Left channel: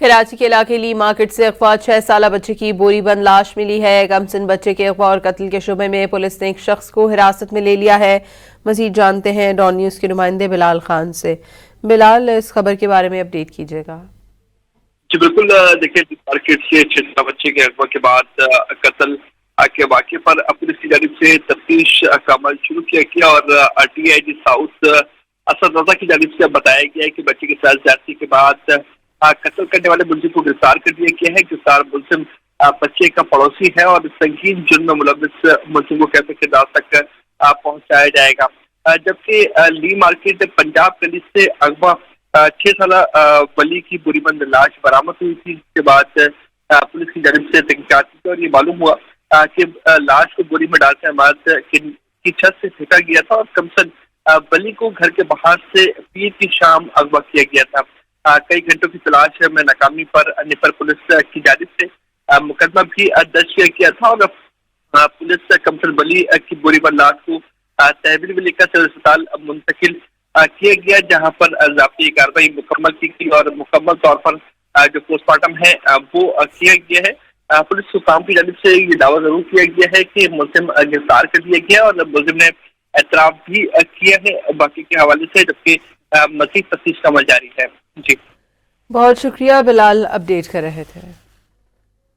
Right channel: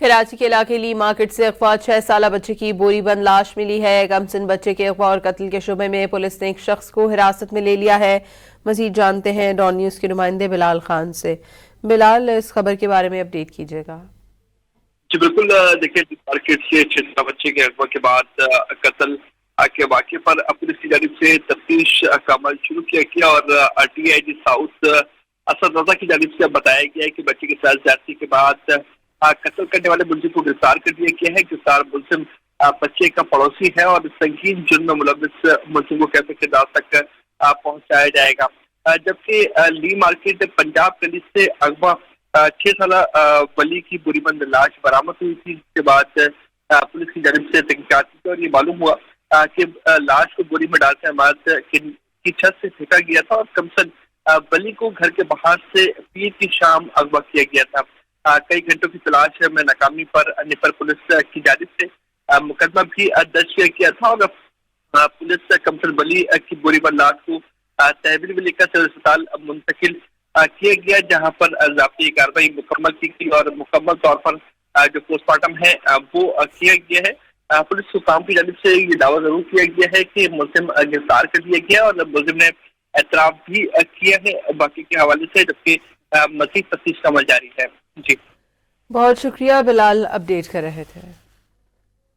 کراچی کے علاقے لی مارکیٹ سے اغوا 6 سالہ بچے کی بوری بند لاش ملی ہے۔ گمسن بچے کے اغوا اور قتل کے شبے میں پولیس نے ایک شخص کو حراست میں لے لیا ہے۔ مزید جانتے ہیں ڈان نیوز کے نمائندے بلال خان سے۔ بلال، اس خبر کے بارے میں اپڈیٹ کیجیے گا۔ جی بالکل، دیکھیں مارکیٹ سے 6 سالہ بچے کے اغوا کے بعد قتل کے واقعے پر پولیس کی جانب سے تفتیش کا عمل شروع کیا گیا اور D I G south Asad Raza کی جانب سے بتایا گیا ہے کہ بچے کے ساتھ زیادتی کے بعد قتل کرنے والے ملزم کو گرفتار کر دیا گیا ہے۔ گرفتار ملزم بچے کا پڑوسی ہے اور سنگین جرم میں ملوث ملزم کو کیفے کے دار تک پہنچایا جائے گا۔ جبکہ لی مارکیٹ پنجاب گلی سے اغوا 6 سالہ ولی کی بری بند لاش برآمد ہوئی تھی، جس کے بعد پولیس کی جانب سے تحقیقات کی اور یہ معلوم ہوا کہ لاش کو بوری میں ڈال کر عمارت کی چھت سے پھینکا گیا تھا اور کمسن ولی کو گھر کے باہر سے پیر کی شام اغوا کیا گیا تھا۔ کئی گھنٹوں کی تلاش میں ناکامی پر نیپر پولیس کی جانب سے مقدمہ بھی درج کیا گیا تھا اور پولیس کمسن ولی کی بوری بند لاش کو تحویل میں لے کر سول اسپتال منتقل کیا گیا، جہاں پر ضابطی کارروائی مکمل کی گئی اور مکمل طور پر جو پوسٹ مارٹم ہے وہ کیا گیا ہے۔ پولیس حکام کی جانب سے یہ دعویٰ ضرور کیا گیا ہے کہ ملزم گرفتار کر دیا گیا اور ملزم نے اعتراف بھی کیا ہے باقی کے حوالے سے، جبکہ مزید تفتیش کا عمل جاری ہے۔ جی بہت شکریہ بلال، اپڈیٹ کر رہے تھے۔